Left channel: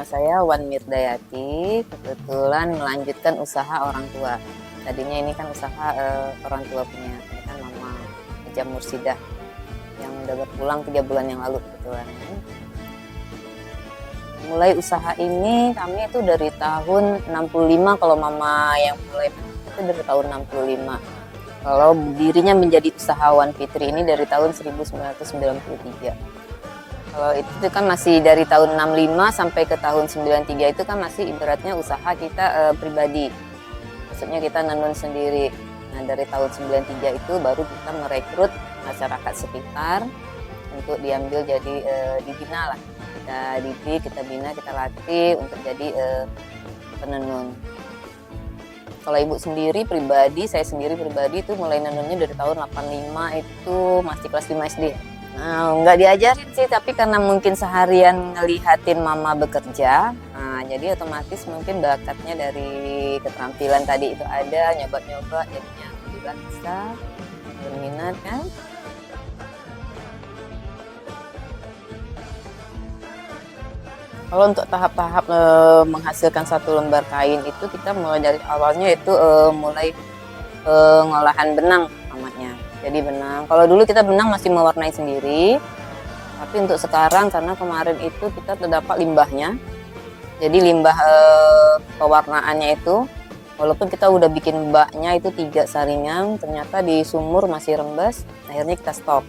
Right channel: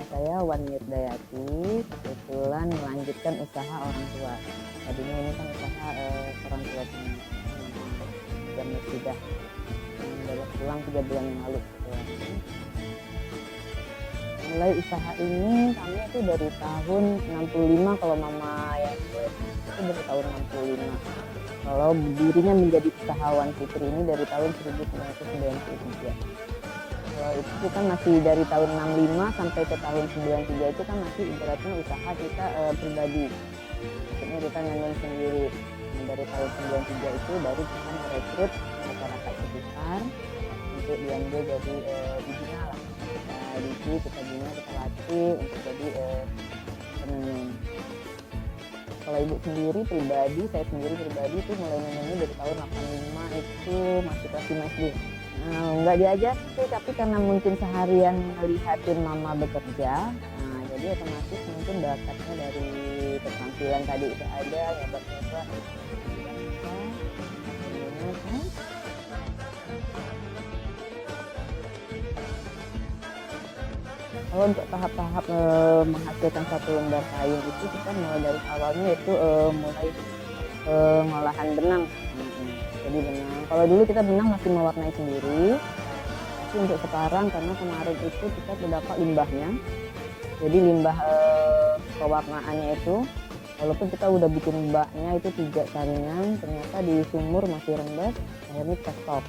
nama saya Wan Mirdayati, kebetulan melanjutkan usaha orang tua. Tadinya ini kan usaha orang tua punya, kan Mama Haja Mursidah yang udah berpulang 3 bulan yang lalu kebetulan. Mulai usaha ini kami itu dari tahun 65, kalau Mama yang mulai itu dari tahun 65. Kalau dirinya menjadi usahawan Fitri ini dari tahun 1993. Kalau itu kan masih dari tahun 65 sampai ke tahun 93 itu kan masih ibaratnya usaha kita pribadi. Maksudnya kita nanun sendiri. Nah, dari tahun 93 itu baru kita merekrut masyarakat sekitar untuk diambil jadi dibina lah. Kita didik, kita bina, kita latih untuk jadi penenun. Kalau ibu sendiri pribadi, saya sendiri pribadi itu mulai nanunnya dari tahun 85 itu masih kelas 5 SD. Nah, nggak diajarin sih, tapi karena mungkin seharian ngelihatin Mama bekerja, nah jadi otomatis mungkin bakatnya dari keterampilan tadi itu ada, nyoba-nyoba, jadinya alhamdulillah bisa, berminat kan. Kalau untuk tahap-tahap menghasilkan satu lembar kain itu kita mulai dari awalnya itu mulai pengolahan benang namanya. Jadi benang, kalau dulu kita benang masih mewarnai sendiri, tapi untuk sekarang karena kemarin itu kita terdapat limbahnya, jadi limbah pewarnaannya itu, walaupun kita udah bikin baknya itu 3 saringan, ternyata di sumur masih rembes, akhirnya kita stop.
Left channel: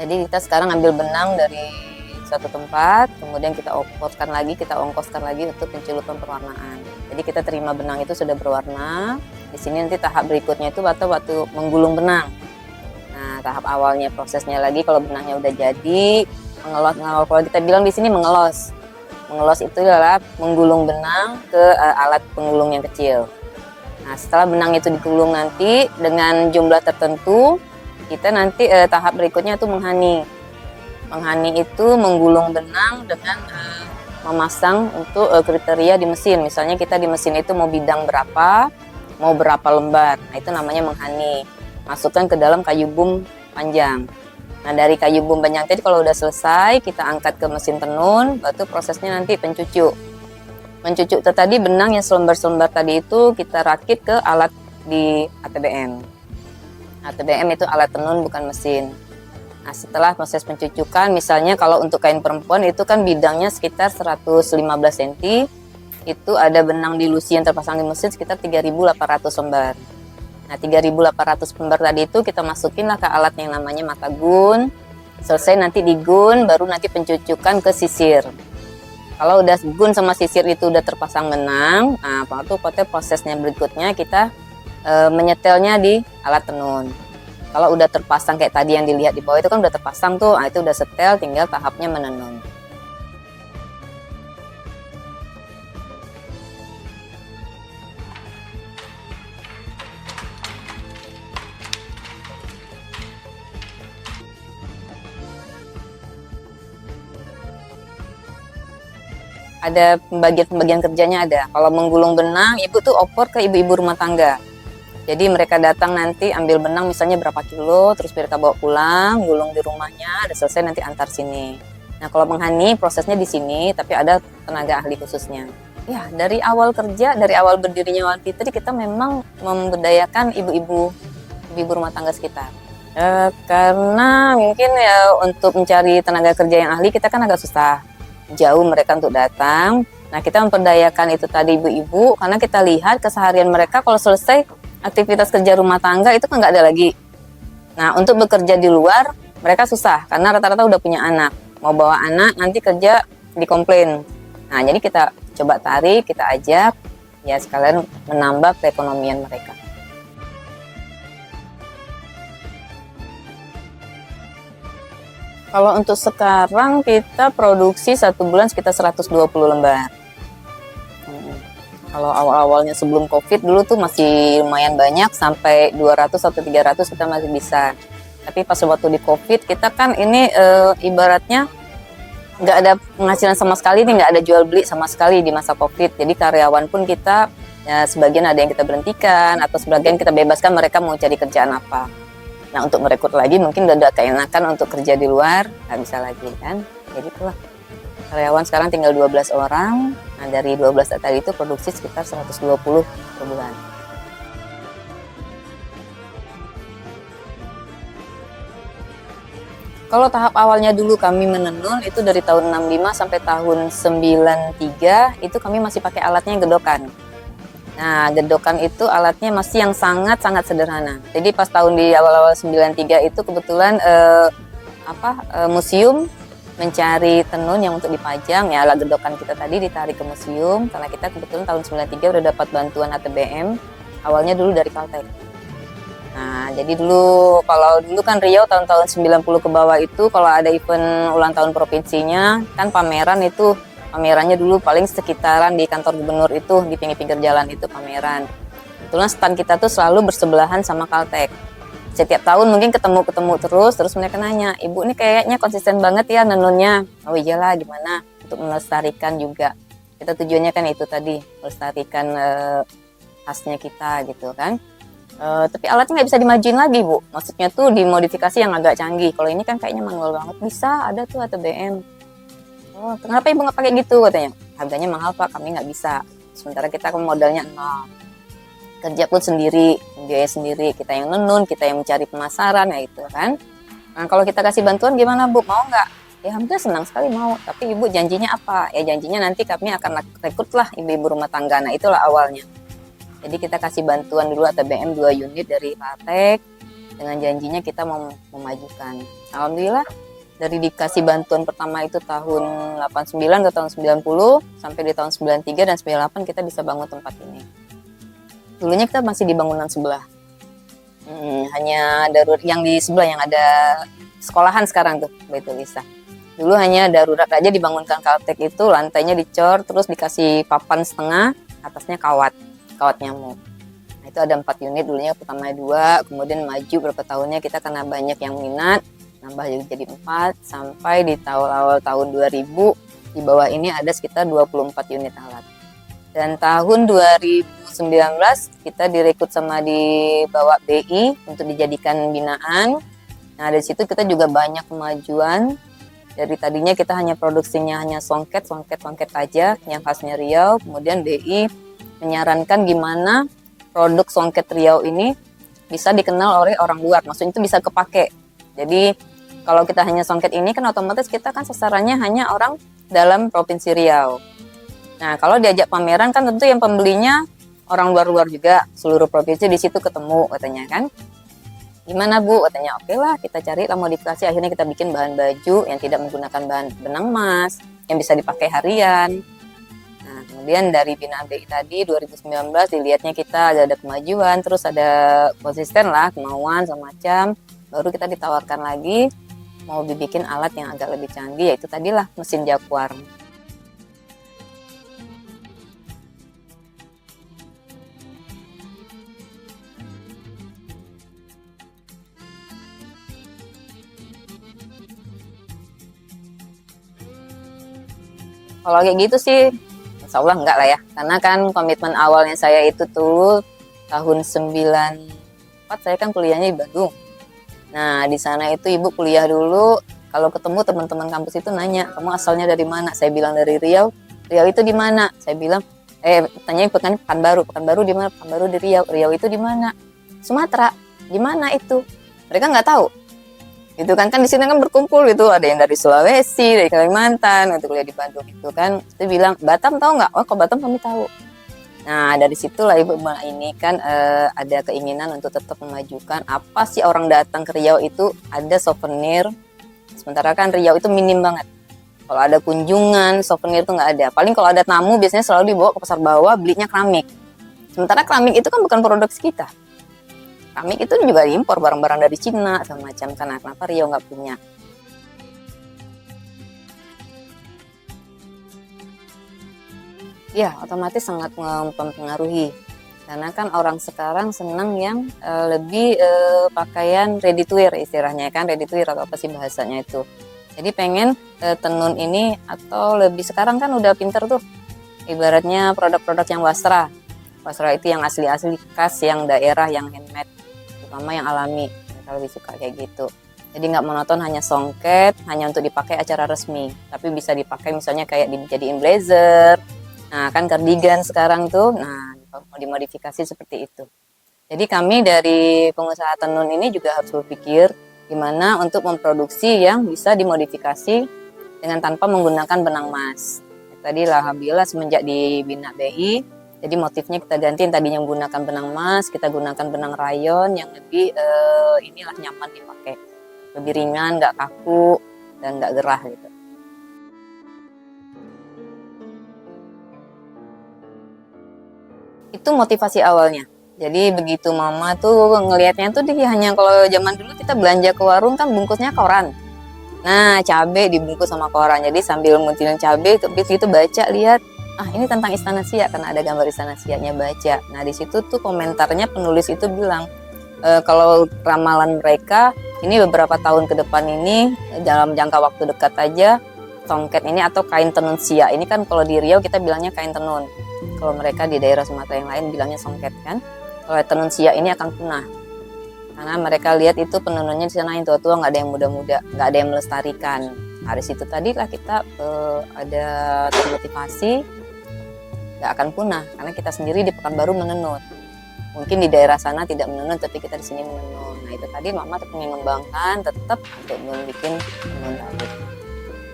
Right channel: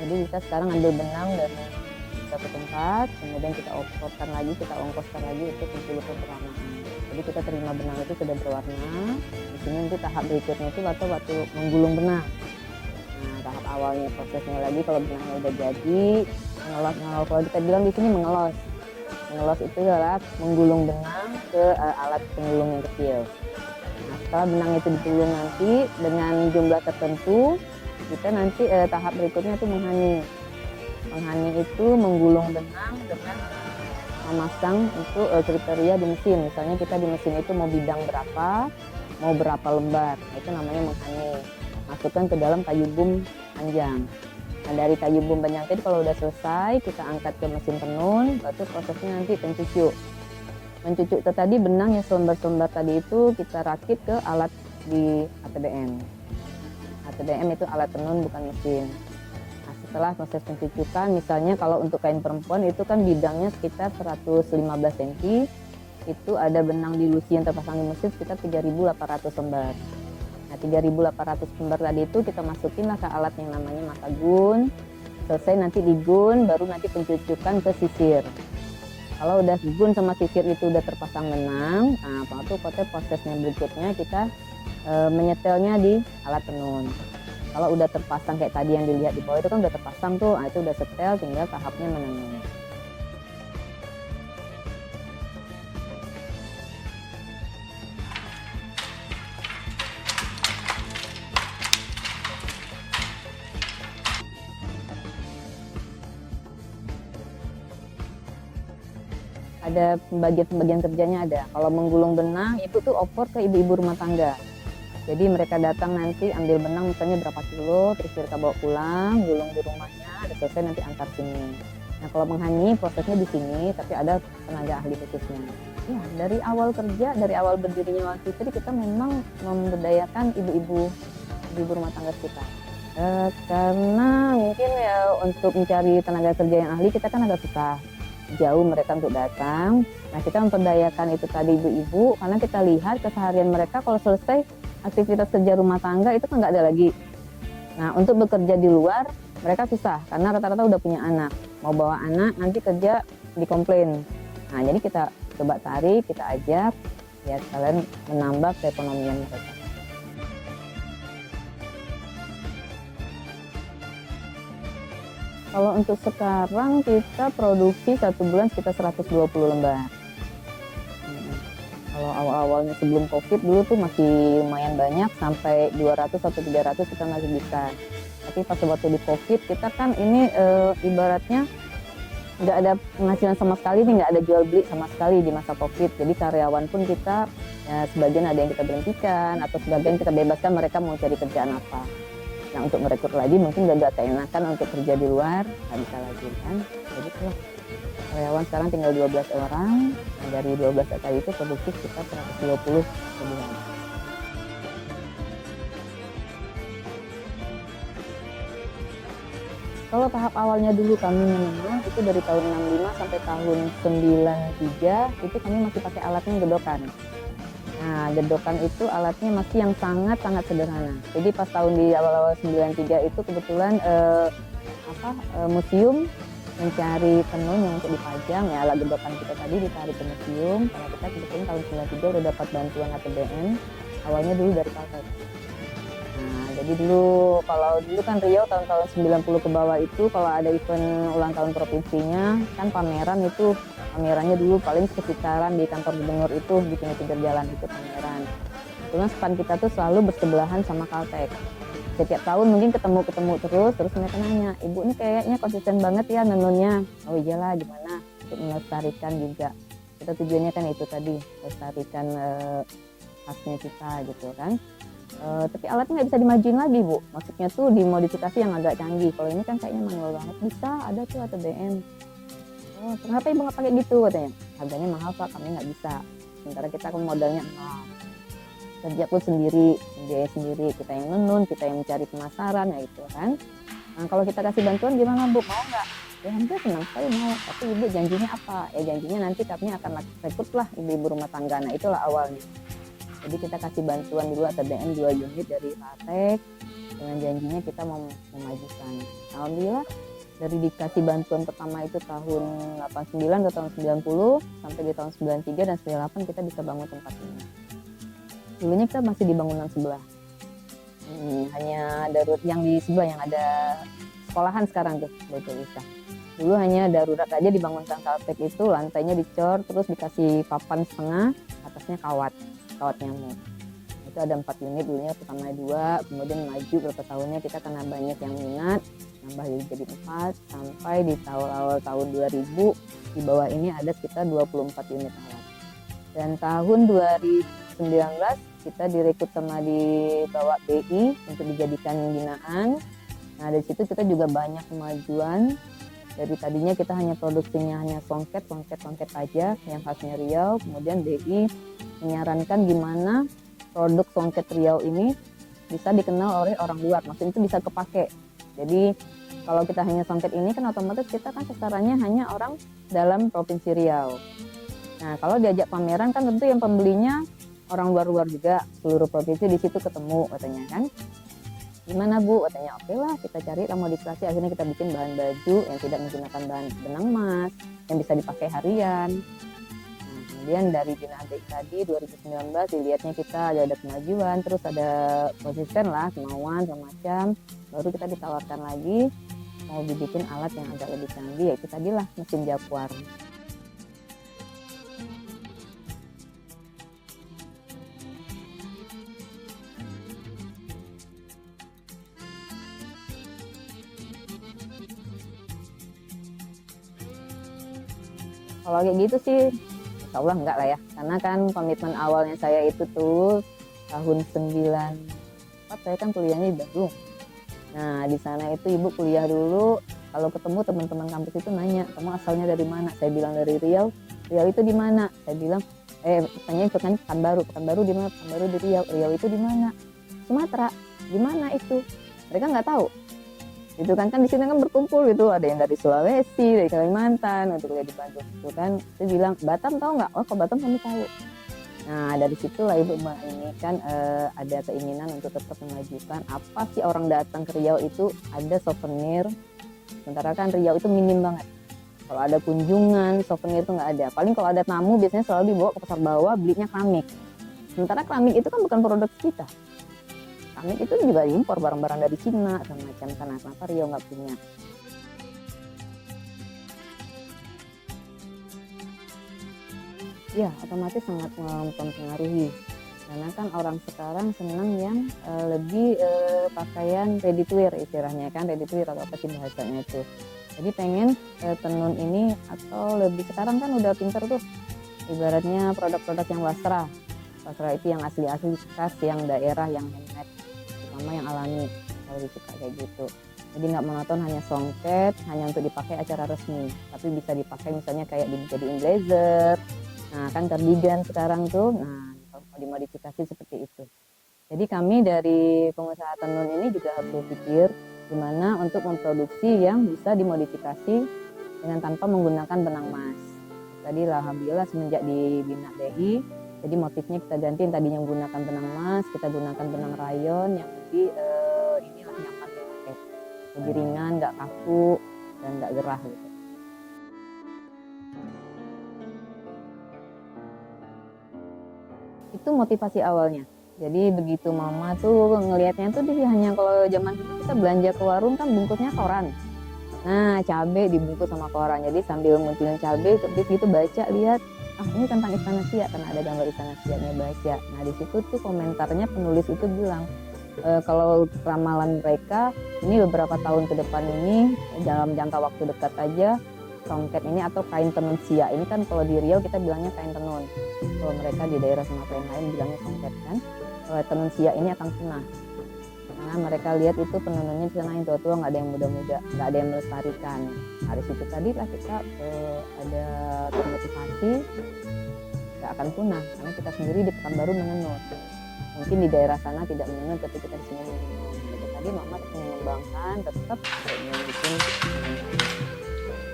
Jadi kita sekarang ambil benang dari satu tempat, kemudian kita ongkoskan lagi untuk pencelupan pewarnaan. Jadi kita terima benang itu sudah berwarna. Di sini nanti tahap berikutnya itu waktu menggulung benang. Nah, tahap awalnya prosesnya lagi kalau benangnya udah jadi, mengelos. Kalau kita bilang di sini mengelos. Mengelos itu adalah menggulung benang ke alat penggulung yang kecil. Nah, setelah benang itu digulung nanti dengan jumlah tertentu, kita nanti tahap berikutnya itu menghani. Menghani itu menggulung benang dengan memasang untuk kriteria di mesin. Misalnya kita di mesin itu mau bidang berapa, mau berapa lembar. Nah, itu namanya menghani. Masukkan ke dalam kayu boom panjang. Nah, dari kayu boom panjang tadi kalau udah selesai, kita angkat ke mesin tenun, baru prosesnya nanti pencucuk. Mencucuk tadi benang yang selembar-selembar tadi itu kita rakit ke alat di ATBM. ATBM itu alat tenun bukan mesin. Nah, setelah proses pencucukan, misalnya kalau untuk kain perempuan itu kan bidangnya sekitar 115 cm, itu ada benang dilusi yang terpasang di mesin sekitar 3.800 lembar. Nah, 3.800 lembar tadi itu kita masukinlah ke alat yang namanya mata gun. Selesai nanti digun, baru nanti pencucukan ke sisir. Kalau udah gun sama sisir itu udah terpasang benang, nah itu prosesnya berikutnya kita menyetelnya di alat tenun. Kalau udah terpasang kayak tadi yang dilihat di bawah itu kan udah terpasang tuh, nah itu udah setel, tinggal tahapnya menenun. Ada pembagian kerjanya ada. Kalau menggulung benang, ibu tuh oper ke ibu-ibu rumah tangga. Jadi mereka datang nanti ambil benang misalnya berapa kilo, terus mereka bawa pulang, gulung di rumahnya, udah selesai nanti antar sini. Nah, kalau menghani prosesnya di sini, tapi ada tenaga ahli khususnya. Ya, dari awal kerja, dari awal berdirinya Wan Fitri, kita memang memberdayakan ibu-ibu rumah tangga sekitar. Karena mungkin ya untuk mencari tenaga kerja yang ahli kita kan agak susah, jauh mereka untuk datang. Nah, kita memperdayakan itu tadi ibu-ibu, karena kita lihat keseharian mereka kalau selesai aktivitas kerja rumah tangga itu kan nggak ada lagi. Nah, untuk bekerja di luar mereka susah karena rata-rata udah punya anak. Mau bawa anak nanti kerja dikomplain. Nah, jadi kita coba tarik, kita ajak, ya sekalian menambah perekonomian mereka. Kalau untuk sekarang kita produksi 1 bulan sekitar 120 lembar. Kalau awal-awalnya sebelum COVID dulu tuh masih lumayan banyak, sampai 200 atau 300 kita masih bisa. Tapi pas waktu di COVID kita kan ini ibaratnya nggak ada penghasilan sama sekali nih, nggak ada jual beli sama sekali di masa COVID. Jadi karyawan pun kita ya, sebagian ada yang kita berhentikan atau sebagian kita bebaskan mereka mau cari kerjaan apa. Nah, untuk merekrut lagi mungkin udah keenakan untuk kerja di luar, nggak bisa lagi kan. Jadi itulah. Karyawan sekarang tinggal 12 orang. Nah, dari 12 tadi itu produksi sekitar 120 per bulan. Kalau tahap awalnya dulu kami menenun itu dari tahun 65 sampai tahun 93 itu kami masih pakai alatnya gedokan. Nah, gedokan itu alatnya masih yang sangat-sangat sederhana. Jadi pas tahun di awal-awal 93 itu kebetulan museum mencari tenun yang untuk dipajang, ya alat gedokan kita tadi ditarik ke museum karena kita kebetulan tahun 93 udah dapat bantuan ATBM. Awalnya dulu dari Caltech. Nah, jadi kalau dulu kan Riau tahun-tahun 90 ke bawah itu kalau ada event ulang tahun provinsinya kan pamerannya dulu paling sekitaran di kantor gubernur itu di pinggir-pinggir jalan itu pameran. Kebetulan stand kita tuh selalu bersebelahan sama Caltech. Setiap tahun mungkin ketemu terus mereka nanya, "Ibu ini kayaknya konsisten banget ya nenunnya." Oh iyalah, gimana untuk melestarikan juga. Kita tujuannya kan itu tadi, melestarikan khasnya kita gitu kan. Tapi alatnya nggak bisa dimajuin lagi, Bu. Maksudnya tuh dimodifikasi yang agak canggih. Kalau ini kan kayaknya manual banget. Bisa, ada tuh ATBM. Oh, kenapa Ibu nggak pakai gitu katanya? Harganya mahal Pak, kami nggak bisa. Sementara kita modalnya nol. Kerja pun sendiri, biaya sendiri. Kita yang nenun, kita yang mencari pemasaran, ya itu kan. Nah, kalau kita kasih bantuan gimana Bu? Mau nggak? Ya hampir senang sekali mau. Tapi Ibu janjinya apa? Ya janjinya nanti kami akan rekrut lah ibu-ibu rumah tangga. Nah itulah awalnya. Jadi kita kasih bantuan dulu ATBM 2 unit dari Caltech dengan janjinya kita mau memajukan. Alhamdulillah dari dikasih bantuan pertama itu tahun 89 ke tahun 90 sampai di tahun 93 dan 98 kita bisa bangun tempat ini. Dulunya kita masih di bangunan sebelah. Hanya darurat yang di sebelah yang ada sekolahan sekarang tuh, Baitul Isa. Dulu hanya darurat aja dibangunkan Caltech itu, lantainya dicor terus dikasih papan setengah, atasnya kawat nyamuk. Nah, itu ada 4 unit dulunya, pertama 2, kemudian maju beberapa tahunnya kita karena banyak yang minat, nambah jadi 4 sampai di awal tahun 2000 di bawah ini ada sekitar 24 unit alat. Dan tahun 2019 kita direkrut sama dibawa BI untuk dijadikan binaan. Nah, dari situ kita juga banyak kemajuan. Dari tadinya kita hanya produksinya hanya songket aja yang khasnya Riau, kemudian BI menyarankan gimana produk songket Riau ini bisa dikenal oleh orang luar, maksudnya itu bisa kepake. Jadi kalau kita hanya songket ini kan otomatis kita kan sasarannya hanya orang dalam provinsi Riau. Nah kalau diajak pameran kan tentu yang pembelinya orang luar juga, seluruh provinsi di situ ketemu katanya kan. Gimana Bu? Katanya oke lah kita cari lah modifikasi, akhirnya kita bikin bahan baju yang tidak menggunakan bahan benang emas, yang bisa dipakai harian. Kemudian dari binaan BI tadi 2019 dilihatnya kita ada kemajuan, terus ada konsisten lah kemauan semacam, baru kita ditawarkan lagi mau dibikin alat yang agak lebih canggih, yaitu tadilah mesin Jaguar. Kalau kayak gitu sih Insya Allah enggak lah ya, karena kan komitmen awalnya saya itu tuh tahun 94 saya kan kuliahnya di Bandung. Nah di sana itu ibu kuliah dulu, kalau ketemu teman-teman kampus itu nanya, kamu asalnya dari mana? Saya bilang dari Riau. Riau itu di mana? Saya bilang, tanyain Pekanbaru di mana? Pekanbaru di Riau. Riau itu di mana? Sumatera. Di mana itu? Mereka nggak tahu. Itu kan di sini kan berkumpul gitu, ada yang dari Sulawesi, dari Kalimantan, untuk kuliah di Bandung itu kan. Saya bilang, Batam tahu nggak? Oh, kok Batam kami tahu. Nah, dari situlah ibu ini kan ada keinginan untuk tetap memajukan apa sih orang datang ke Riau itu ada souvenir. Sementara kan Riau itu minim banget. Kalau ada kunjungan, souvenir itu nggak ada. Paling kalau ada tamu biasanya selalu dibawa ke pasar bawah, belinya keramik. Sementara keramik itu kan bukan produk kita. Keramik itu juga impor barang-barang dari Cina sama macam, karena kenapa Riau nggak punya. Ya otomatis sangat mempengaruhi, karena kan orang sekarang senang yang lebih pakaian ready to wear istilahnya kan, ready to wear atau apa sih bahasanya itu. Jadi pengen tenun ini atau lebih sekarang kan udah pinter tuh, ibaratnya produk-produk yang wasra itu yang asli-asli khas, yang daerah, yang handmade, terutama yang alami, kita lebih suka kayak gitu. Jadi nggak monoton hanya songket, hanya untuk dipakai acara resmi. Tapi bisa dipakai misalnya kayak dijadiin blazer. Nah kan cardigan sekarang tuh, nah mau dimodifikasi seperti itu. Jadi kami dari pengusaha tenun ini juga harus berpikir gimana untuk memproduksi yang bisa dimodifikasi dengan tanpa menggunakan benang emas. Tadi alhamdulillah semenjak dibina BI, jadi motifnya kita ganti, tadinya menggunakan benang emas, kita gunakan benang rayon yang lebih inilah nyaman dipakai, lebih ringan, nggak kaku dan nggak gerah gitu. Itu motivasi awalnya. Jadi begitu mama tuh ngelihatnya tuh dia hanya, kalau zaman dulu kita belanja ke warung kan bungkusnya koran. Nah, cabai dibungkus sama koran. Jadi sambil munculin cabai itu baca, lihat, ah ini tentang Istana Siak karena ada gambar Istana Siaknya, baca. Nah, di situ tuh komentarnya penulis itu bilang kalau ramalan mereka ini beberapa tahun ke depan ini dalam jangka waktu dekat aja songket ini atau kain tenun siak ini kan kalau di Riau kita bilangnya kain tenun. Kalau mereka di daerah Sumatera yang lain bilangnya songket kan. Kalau tenun siak ini akan punah. Karena mereka lihat itu penenunnya di sana yang tua-tua, nggak ada yang muda-muda, nggak ada yang melestarikan. Dari situ tadi lah kita ada termotivasi, nggak akan punah karena kita sendiri di Pekanbaru menenun. Mungkin di daerah sana tidak menenun, tapi kita di sini menenun. Nah itu tadi mama tetap mengembangkan, tetap untuk bikin tenun tadi.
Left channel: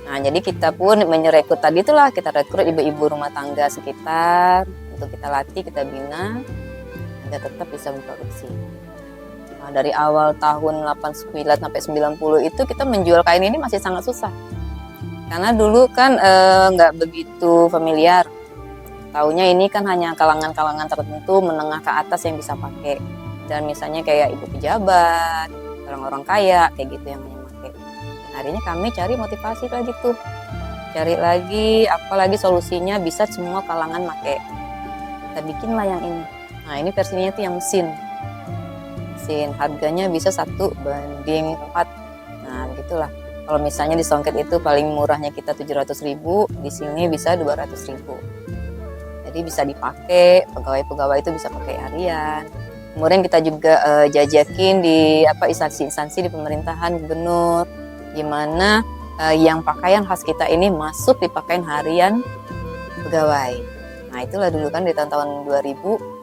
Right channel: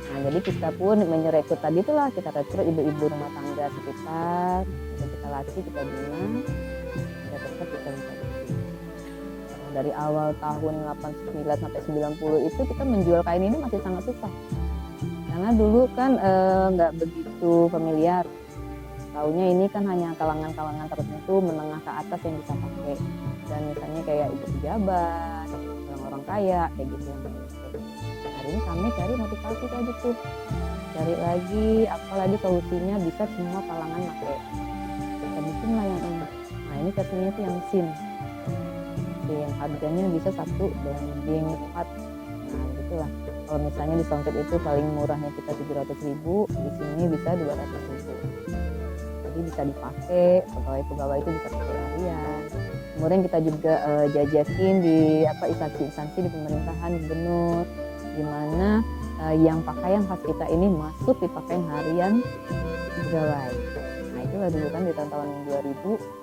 Nah jadi kita pun merekrut tadi itulah, kita rekrut ibu-ibu rumah tangga sekitar untuk kita latih, kita bina, kita tetap bisa memproduksi. Dari awal tahun 89 sampai 90 itu kita menjual kain ini masih sangat susah. Karena dulu kan nggak begitu familiar. Taunya ini kan hanya kalangan-kalangan tertentu menengah ke atas yang bisa pakai. Dan misalnya kayak ibu pejabat, orang-orang kaya, kayak gitu yang pakai. Akhirnya kami cari motivasi lagi tuh. Cari lagi, apalagi solusinya bisa semua kalangan pakai. Kita bikinlah yang ini. Nah ini versinya itu yang mesin. Harganya bisa 1:4. Nah gitulah. Kalau misalnya di songket itu paling murahnya kita 700.000, di sini bisa 200.000. Jadi bisa dipakai, pegawai-pegawai itu bisa pakai harian. Kemudian kita juga jajakin di instansi-instansi di pemerintahan, gubernur, gimana yang pakaian khas kita ini masuk di pakaian harian pegawai. Nah itulah dulu kan di tahun 2000.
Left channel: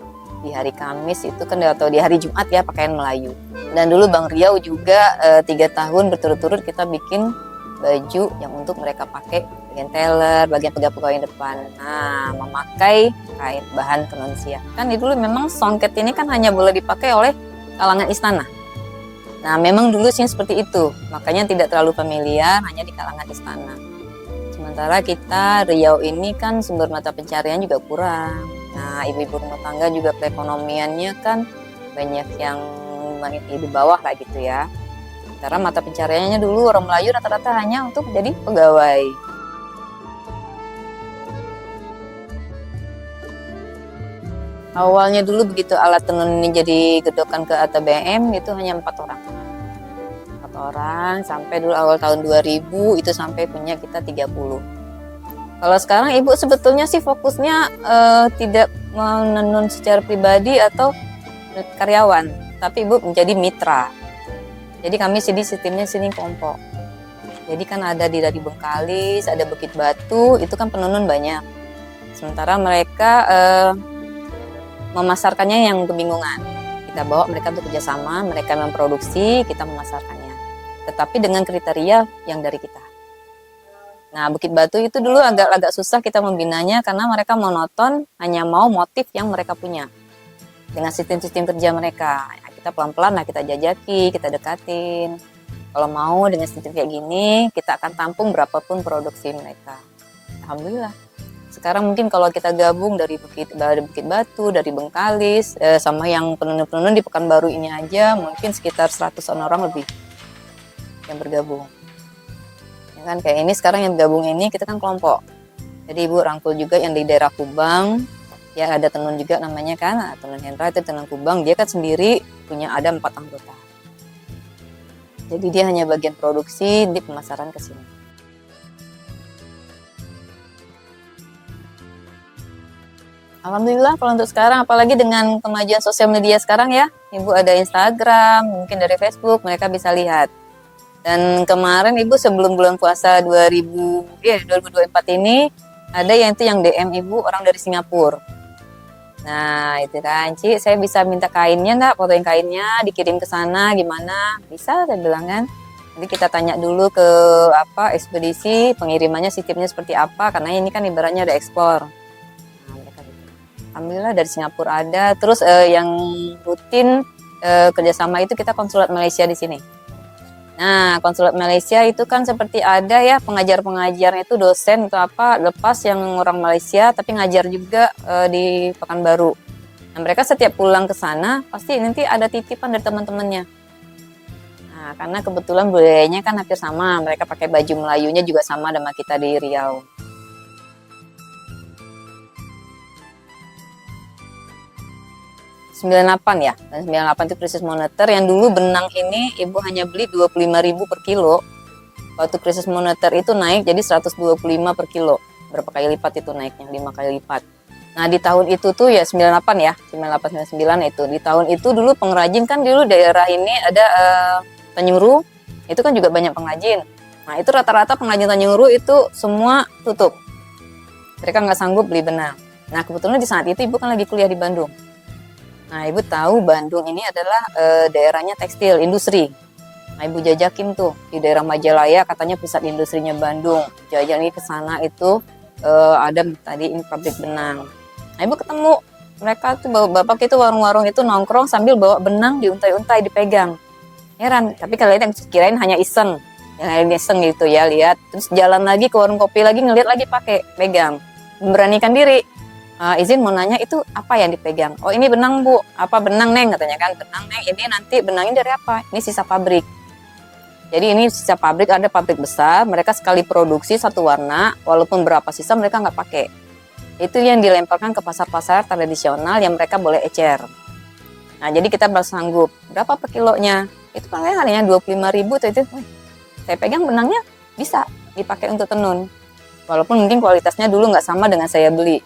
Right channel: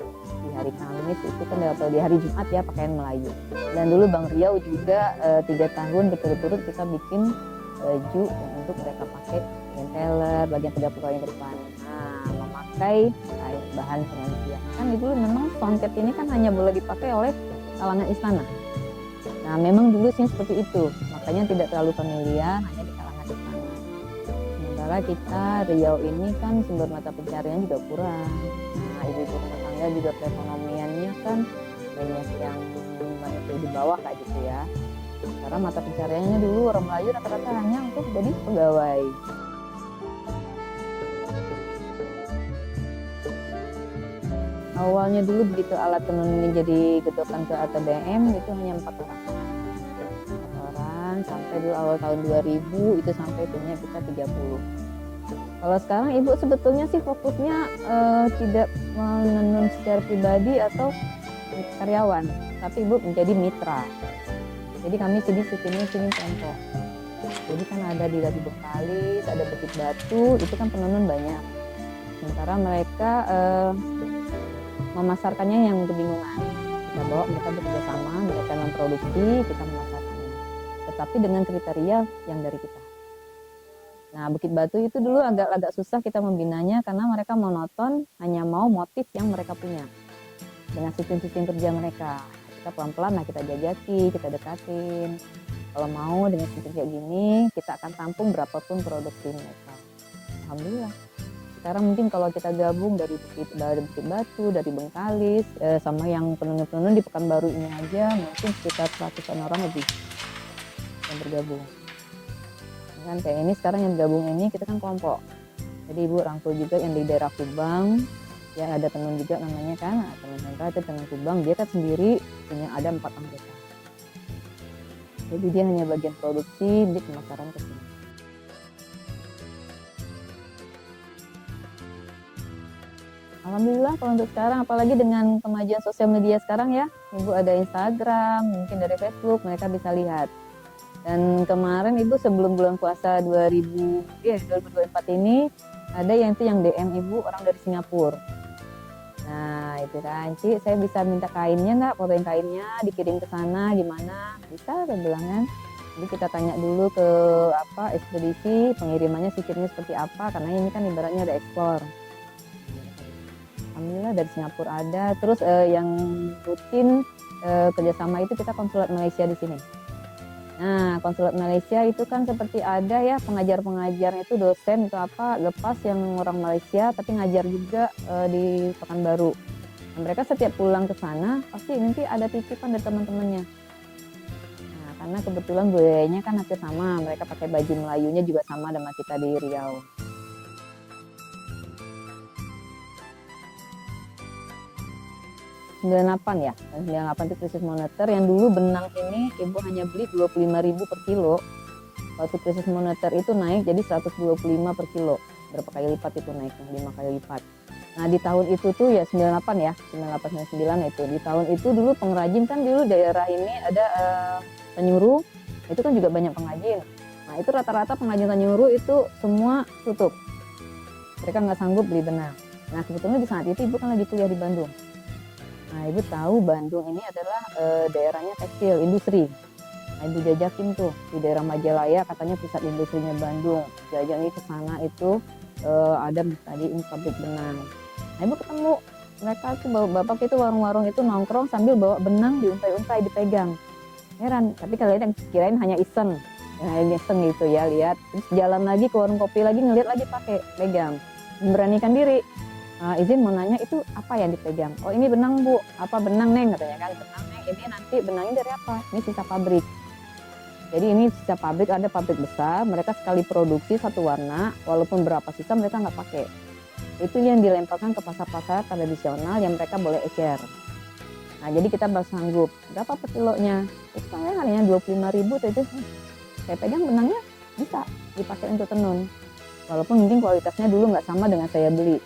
Di hari Kamis itu kan atau di hari Jumat ya pakaian Melayu. Dan dulu Bang Riau juga 3 tahun berturut-turut kita bikin baju yang untuk mereka pakai, bagian teller, bagian pegawai depan. Nah, memakai kain bahan tenun siak. Kan dulu memang songket ini kan hanya boleh dipakai oleh kalangan istana. Nah, memang dulu sih seperti itu. Makanya tidak terlalu familiar, hanya di kalangan istana. Sementara kita Riau ini kan sumber mata pencarian juga kurang. Nah, ibu-ibu rumah tangga juga perekonomiannya kan banyak yang di bawah lah gitu ya. Karena mata pencariannya dulu orang Melayu rata-rata hanya untuk jadi pegawai. Awalnya dulu begitu alat tenun ini jadi gedokan ke ATBM itu hanya 4 orang. 4 orang sampai dulu awal tahun 2000 itu sampai punya kita 30. Kalau sekarang ibu sebetulnya sih fokusnya tidak menenun secara pribadi atau karyawan, tapi ibu menjadi mitra. Jadi kami sistemnya sini kelompok. Jadi kan ada dari Bengkalis, ada Bukit Batu, itu kan penenun banyak. Sementara mereka memasarkannya yang kebingungan. Kita bawa mereka untuk kerjasama, mereka memproduksi, kita memasarkannya. Tetapi dengan kriteria yang dari kita. Nah, Bukit Batu itu dulu agak susah kita membinanya karena mereka monoton, hanya mau motif yang mereka punya. Dengan sistem-sistem kerja mereka, kita pelan-pelan lah kita jajaki, kita dekatin. Kalau mau dengan sistem kayak gini, kita akan tampung berapapun produksi mereka. Alhamdulillah. Sekarang mungkin kalau kita gabung dari Bukit Batu, dari Bengkalis, sama yang penenun-penenun di Pekanbaru ini aja, mungkin sekitar 100 orang lebih yang bergabung. Kan kayak ini sekarang yang gabung ini kita kan kelompok. Jadi ibu rangkul juga yang di daerah Kubang, ya ada tenun juga namanya kan, tenun Hendra itu tenun Kubang, dia kan sendiri punya ada 4 anggota. Jadi dia hanya bagian produksi di pemasaran ke sini. Alhamdulillah kalau untuk sekarang, apalagi dengan kemajuan sosial media sekarang ya, ibu ada Instagram, mungkin dari Facebook, mereka bisa lihat. Dan kemarin Ibu sebelum bulan puasa 2024 ini ada yang itu yang DM Ibu orang dari Singapura. Nah itu kan, Ci, saya bisa minta kainnya nggak, fotoin kainnya, dikirim ke sana gimana? Bisa, saya bilang kan. Jadi kita tanya dulu ke apa ekspedisi, pengirimannya sistemnya seperti apa, karena ini kan ibaratnya ada ekspor. Alhamdulillah dari Singapura ada. Terus yang rutin kerjasama itu kita konsulat Malaysia di sini. Nah, konsulat Malaysia itu kan seperti ada ya pengajar-pengajarnya itu dosen atau apa lepas yang orang Malaysia tapi ngajar juga di Pekanbaru. Nah, mereka setiap pulang ke sana pasti nanti ada titipan dari teman-temannya. Nah, karena kebetulan budayanya kan hampir sama, mereka pakai baju Melayunya juga sama sama kita di Riau. 98 ya, dan 98 itu krisis moneter yang dulu benang ini Ibu hanya beli 25.000 per kilo. Waktu krisis moneter itu naik jadi 125 per kilo. Berapa kali lipat itu naiknya? 5 kali lipat. Nah di tahun itu tuh ya 98 ya, 98 99 itu. Di tahun itu dulu pengrajin kan dulu daerah ini ada Tanjung Ru, itu kan juga banyak pengrajin. Nah itu rata-rata pengrajin Tanjung Ru itu semua tutup. Mereka nggak sanggup beli benang. Nah kebetulan di saat itu Ibu kan lagi kuliah di Bandung. Nah, Ibu tahu Bandung ini adalah daerahnya tekstil, industri. Nah, Ibu jajakin tuh di daerah Majalaya, katanya pusat industrinya Bandung. Jajan ke sana itu ada tadi ini pabrik benang. Nah, Ibu ketemu mereka tuh bapak itu warung-warung itu nongkrong sambil bawa benang diuntai-untai dipegang. Heran, tapi kalian yang kirain hanya iseng. Yang lain iseng gitu ya, lihat. Terus jalan lagi ke warung kopi lagi, ngeliat lagi pakai, pegang. Memberanikan diri. Izin mau nanya itu apa yang dipegang? Oh ini benang Bu, apa benang Neng katanya kan, benang Neng ini nanti benangnya dari apa? Ini sisa pabrik. Jadi ini sisa pabrik, ada pabrik besar, mereka sekali produksi satu warna, walaupun berapa sisa mereka nggak pakai. Itu yang dilemparkan ke pasar-pasar tradisional yang mereka boleh ecer. Nah jadi kita bersanggup, berapa per kilonya? Itu kan hanya 25.000 itu. Saya pegang benangnya bisa dipakai untuk tenun. Walaupun mungkin kualitasnya dulu nggak sama dengan saya beli.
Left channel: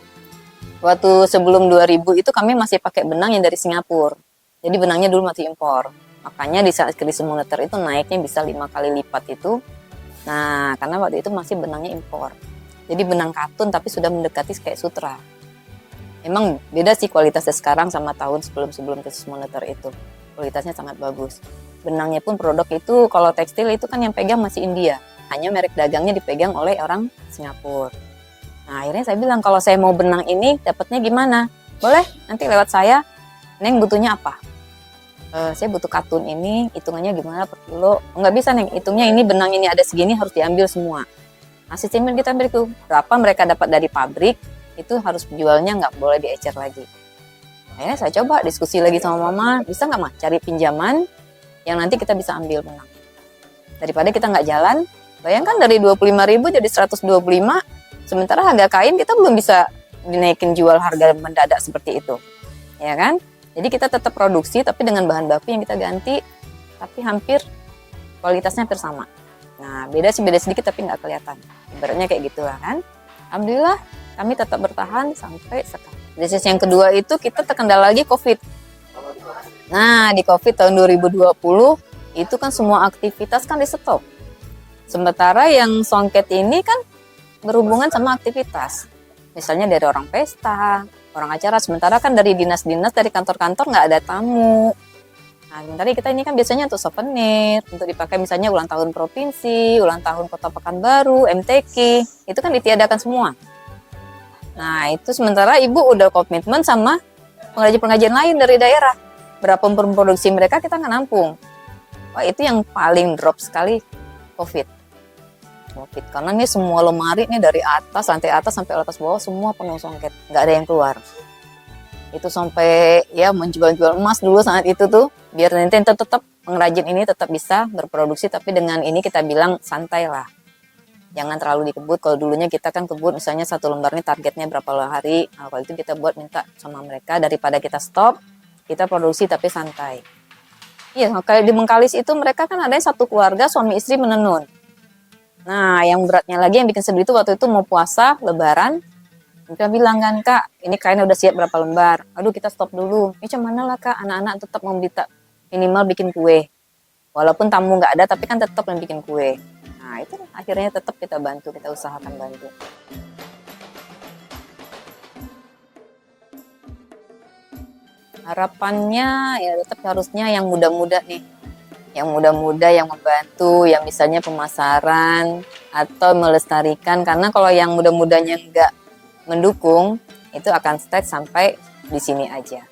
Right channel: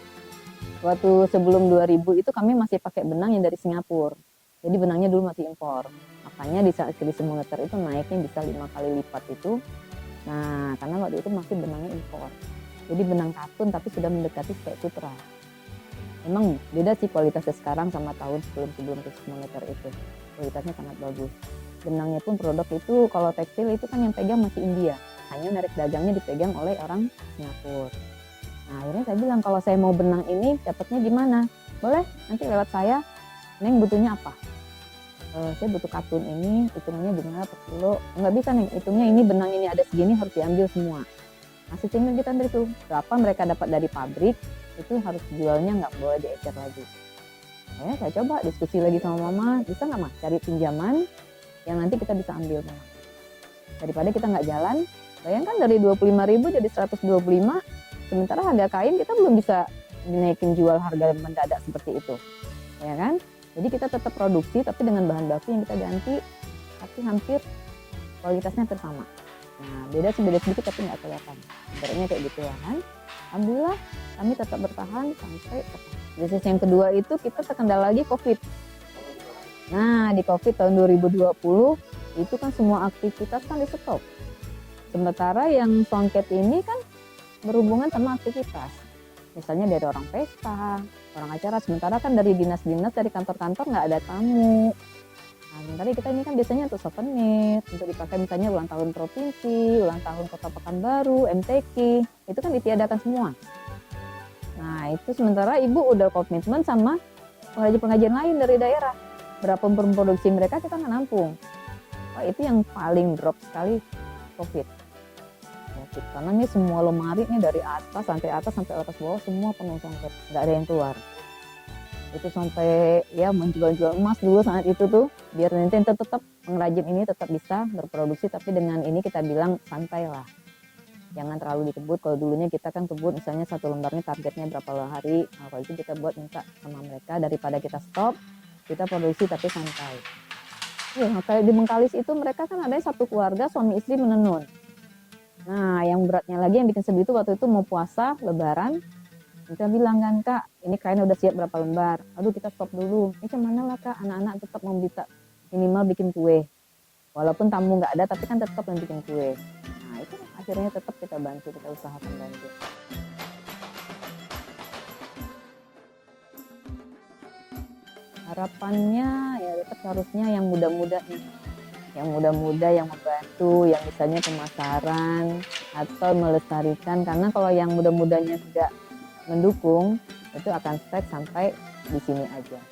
Waktu sebelum 2000 itu kami masih pakai benang yang dari Singapura. Jadi benangnya dulu masih impor. Makanya di saat krisis moneter itu naiknya bisa 5 kali lipat itu. Nah, karena waktu itu masih benangnya impor. Jadi benang katun tapi sudah mendekati kayak sutra. Emang beda sih kualitasnya sekarang sama tahun sebelum krisis moneter itu. Kualitasnya sangat bagus. Benangnya pun produk itu kalau tekstil itu kan yang pegang masih India. Hanya merek dagangnya dipegang oleh orang Singapura. Nah, akhirnya saya bilang kalau saya mau benang ini dapatnya gimana? Boleh, nanti lewat saya. Neng butuhnya apa? Saya butuh katun ini, hitungannya gimana per kilo? Nggak bisa Neng, hitungnya ini benang ini ada segini harus diambil semua. Nah, sistemnya kita ambil itu. Berapa mereka dapat dari pabrik, itu harus jualnya nggak boleh diecer lagi. Akhirnya saya coba diskusi lagi sama Mama, bisa nggak Mah cari pinjaman yang nanti kita bisa ambil benang. Daripada kita nggak jalan, bayangkan dari 25.000 jadi 125, sementara harga kain kita belum bisa dinaikin jual harga mendadak seperti itu, ya kan? Jadi kita tetap produksi tapi dengan bahan baku yang kita ganti, tapi hampir kualitasnya hampir sama. Nah beda sedikit tapi nggak kelihatan. Ibaratnya kayak gitulah kan. Alhamdulillah kami tetap bertahan sampai sekarang. Krisis yang kedua itu kita terkendala lagi COVID. Nah di COVID tahun 2020 itu kan semua aktivitas kan di stop. Sementara yang songket ini kan berhubungan sama aktivitas. Misalnya dari orang pesta, orang acara. Sementara kan dari dinas-dinas, dari kantor-kantor nggak ada tamu. Nah, sementara kita ini kan biasanya untuk souvenir, untuk dipakai misalnya ulang tahun provinsi, ulang tahun Kota Pekanbaru, MTQ. Itu kan ditiadakan semua. Nah, itu sementara Ibu udah komitmen sama pengrajin-pengrajin lain dari daerah. Berapa produksi mereka kita nggak nampung. Wah, itu yang paling drop sekali COVID. Karena ini semua lemari nih dari atas, lantai atas sampai atas bawah semua penuh songket, nggak ada yang keluar. Itu sampai ya menjual-jual emas dulu saat itu tuh, biar nanti tetap pengrajin ini tetap bisa berproduksi, tapi dengan ini kita bilang santai lah. Jangan terlalu dikebut, kalau dulunya kita kan kebut misalnya satu lembar ini targetnya berapa hari, nah, kalau itu kita buat minta sama mereka, daripada kita stop, kita produksi tapi santai. Iya, kayak di Bengkalis itu mereka kan ada satu keluarga suami istri menenun. Nah, yang beratnya lagi yang bikin sedih itu waktu itu mau puasa, lebaran. Kita bilang kan, Kak, ini kainnya udah siap berapa lembar. Aduh, kita stop dulu. Ini cuman mana lah, Kak, anak-anak tetap meminta minimal bikin kue. Walaupun tamu nggak ada, tapi kan tetap yang bikin kue. Nah itu akhirnya tetap kita bantu, kita usahakan bantu. Harapannya ya tetap harusnya yang muda-muda nih, yang muda-muda yang membantu, yang misalnya pemasaran atau melestarikan. Karena kalau yang muda-mudanya nggak mendukung, itu akan stuck sampai di sini aja.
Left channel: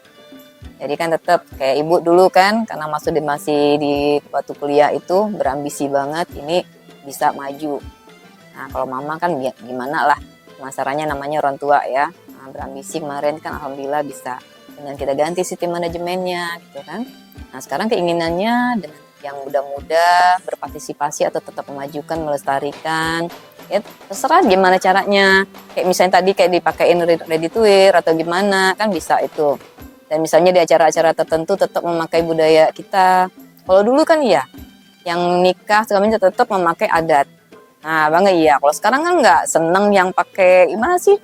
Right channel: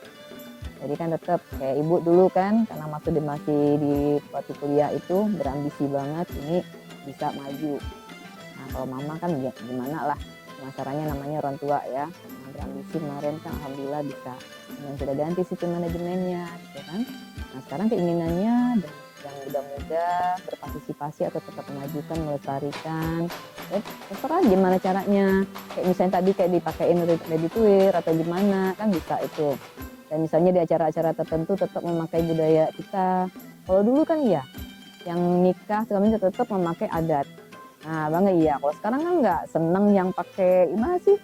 Jadi kan tetap kayak ibu dulu kan, karena masih di waktu kuliah itu berambisi banget ini bisa maju. Nah kalau mama kan gimana lah, pemasarannya namanya orang tua ya. Nah, berambisi kemarin kan alhamdulillah bisa dengan kita ganti sistem manajemennya gitu kan. Nah sekarang keinginannya dengan yang muda-muda berpartisipasi atau tetap memajukan, melestarikan. Ya terserah gimana caranya. Kayak misalnya tadi kayak dipakein ready to wear atau gimana kan bisa itu. Dan misalnya di acara-acara tertentu tetap memakai budaya kita. Kalau dulu kan iya, yang nikah segala macam tetap memakai adat. Nah, bangga iya. Kalau sekarang kan nggak seneng yang pakai gimana sih?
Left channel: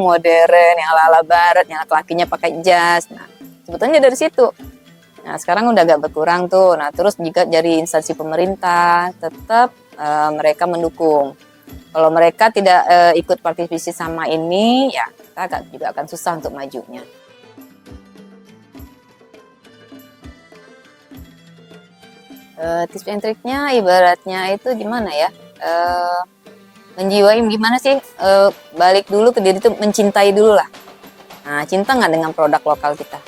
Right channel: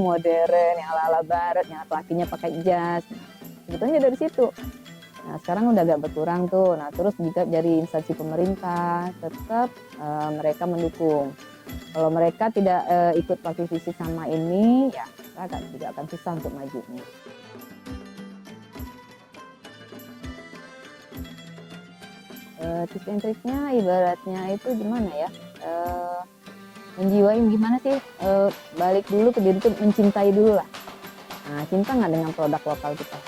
Modern, yang ala-ala barat, yang laki-lakinya pakai jas. Nah, sebetulnya dari situ. Nah, sekarang udah agak berkurang tuh. Nah, terus juga dari instansi pemerintah tetap mereka mendukung. Kalau mereka tidak ikut partisipasi sama ini, ya kita juga akan susah untuk majunya. Tips and triknya ibaratnya itu gimana ya, menjiwai gimana sih, balik dulu ke diri itu mencintai dulu lah. Nah cinta nggak dengan produk lokal kita.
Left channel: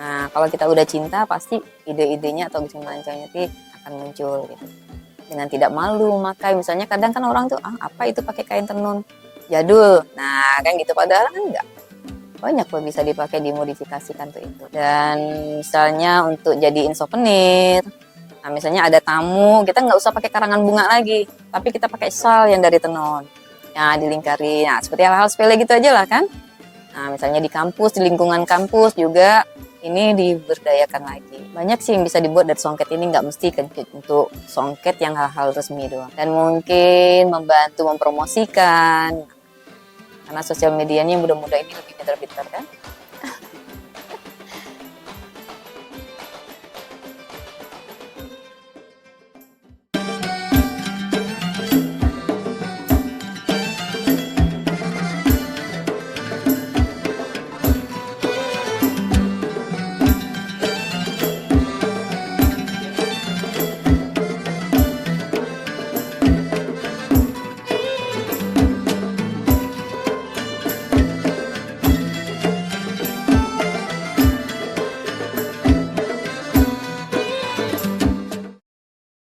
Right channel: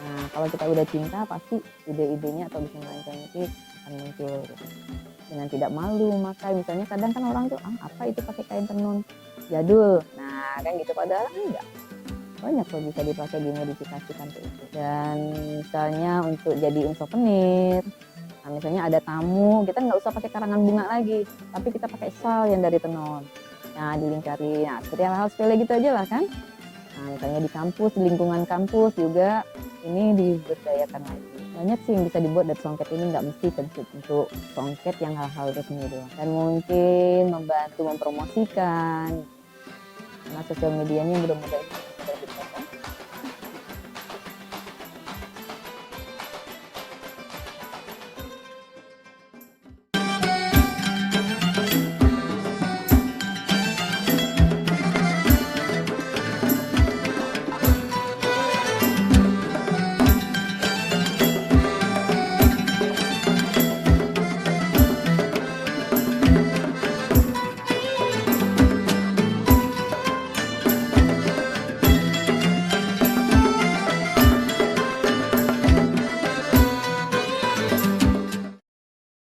Nah kalau kita udah cinta pasti ide-idenya atau bisnis merancangnya sih akan muncul gitu. Dengan tidak malu memakai, misalnya kadang kan orang tuh apa itu pakai kain tenun jadul, nah kan gitu, padahal kan enggak, banyak loh bisa dipakai dimodifikasikan tuh itu. Dan misalnya untuk jadiin souvenir. Nah, misalnya ada tamu, kita nggak usah pakai karangan bunga lagi, tapi kita pakai shawl yang dari tenun. Nah, dilingkari. Nah, seperti hal-hal sepele gitu aja lah kan. Nah, misalnya di kampus, di lingkungan kampus juga ini diberdayakan lagi. Banyak sih yang bisa dibuat dari songket ini, nggak mesti untuk songket yang hal-hal resmi doang. Dan mungkin membantu mempromosikan, karena sosial medianya yang mudah-mudah ini lebih pintar-pintar kan.